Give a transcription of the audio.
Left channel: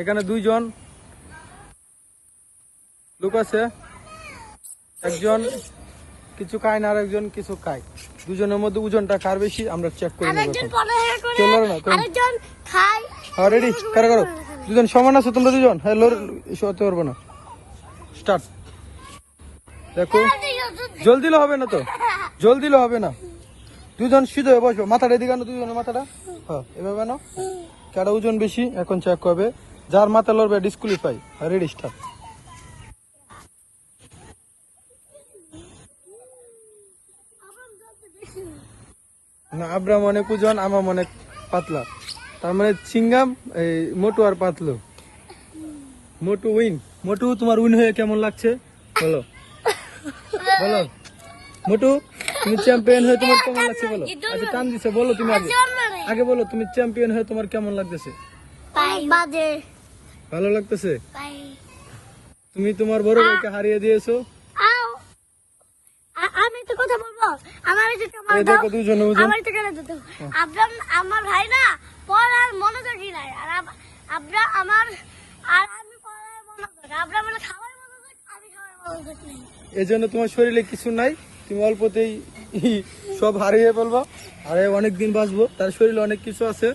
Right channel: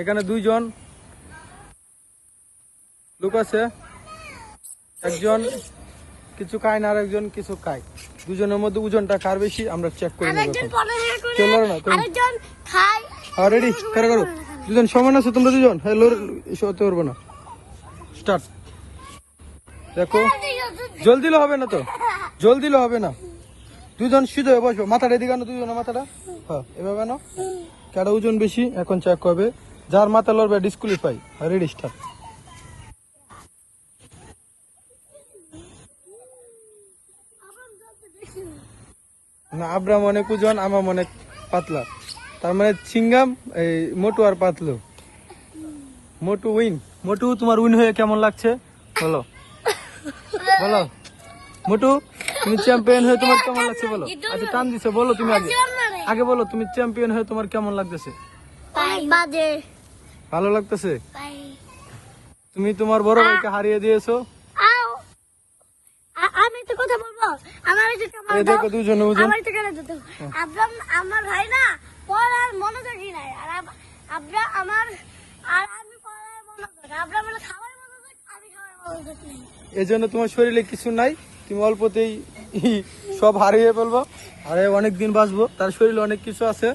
এখানে দুইজন লোক আছে, একজন কিছু খায় না আর একজন কিছু খায়। দুজনের মধ্যে ওজনটা কার বেশি আমরা চেক করে নেব। কেউ লড়ে না হ্যাঁ রেডি কারো কারো দুজন সমান আছে তোমরা দুজন। হ্যাঁ লড়তে পারবো না। স্টার্ট। দেখো জল দিলে হবে না তো, জল দিলে হবে না। দুজন সিধে বসবো, মাথাটা এদিকে আনো, দুজনের মাথাটা হ্যাঁ এভাবে আনো। কারো ওজন বেশি এখন চেক করবে, যার মাথা লড়বে ডিসকোয়ালিফাই। Ready start. না আব্রাম অনেক ওজন, আমার অনেক পাতলা, তার মানে চিংগাম মোটু আর পাতলু। মোটু উইন। মোটু তোমার উইন হয়ে কেমন লাগছে বলো, বলো মোটু তুমি চ্যাম্পিয়ন হয়ে তোমার কেমন লাগছে বলো। আচ্ছা টান দিছে, বলো তুমি আগে, আগে বলো তুমি চ্যাম্পিয়ন হয়ে তোমার কেমন লাগতেছে। ভালো লাগতেছে। তুমি তোমার বড় ভাইকে হারিয়ে দিয়েছো। আমি তো কথা বলবো, এই দেখো দুজনে ওজন। আমার ভাই না পড়ার মনোযোগী নাই, আর আপনার আমার আর আমি পড়ার মনোযোগ, আপনার মানে খাবার মনোযোগ, আমি খাবার মনোযোগ। এই জন্য তোমার শরীরে কিছু নাই, তুমি অল্পতেই সব হারিয়ে ফেলবো। আরে অনেক দিন বাঁচবো, তার শরীরে অনেক কিছু আছে।